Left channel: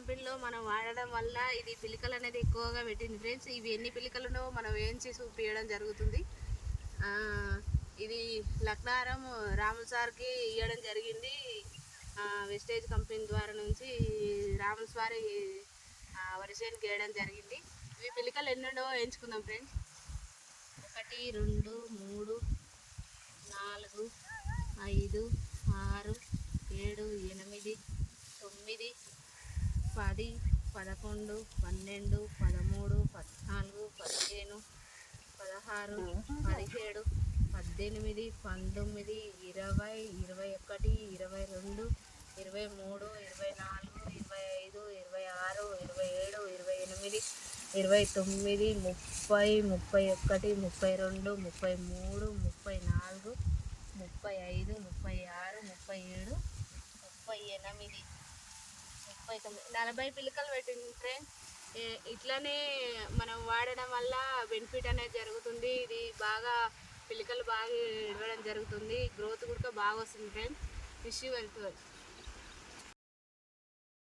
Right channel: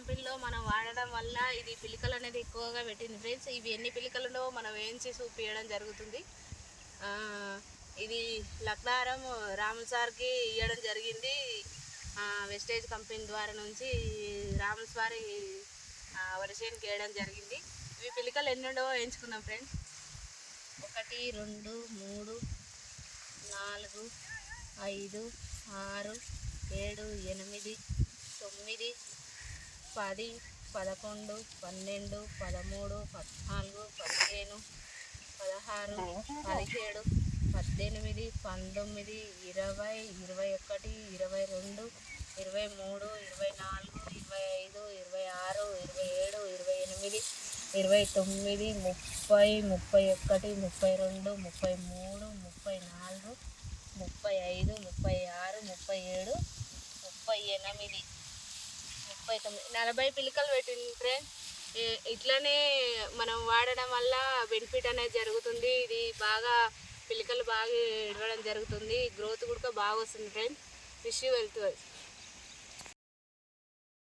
కంపెనీలో మనం వాడడం వల్ల ఇది పిలికలు అనేది ఎక్కువగా పెట్టింది ఫ్రెండ్స్. ఇవి ఎన్ని పిలికలు ఉండవో మనం వేయించి చూపించడం జరుగుతుంది. ఇది లక్నారం రాముల సార్కి ఇవ్వడం జరిగింది. వెస్టేజ్ కంపెనీ ద్వారా నుంచి రాముల సారి వరిసేనుకి వేయడం జరిగింది. ఇవి పిలికలు ఎన్ని ఉండవో వేయించుకుందాం ఫ్రెండ్స్. 1 2 3 4 5 6 7 8 9 10 11 12 13 14 15 16 17 18 19 20 21 22 23 24 25 26 27 28 29 30 31 32 33 34 35 36 37 38 39 40 పిలికలు పెట్టింది ఫ్రెండ్స్. ఇట్లనే మనం వాడడం వల్ల బెనిఫిట్ అనేది జరుగుతుంది. ఇది బాగా పిలికలు బాగా ఇవ్వడం జరుగుతుంది. గ్రోత్ కూడా బాగా వస్తుంది ఫ్రెండ్స్. Wish you wealth.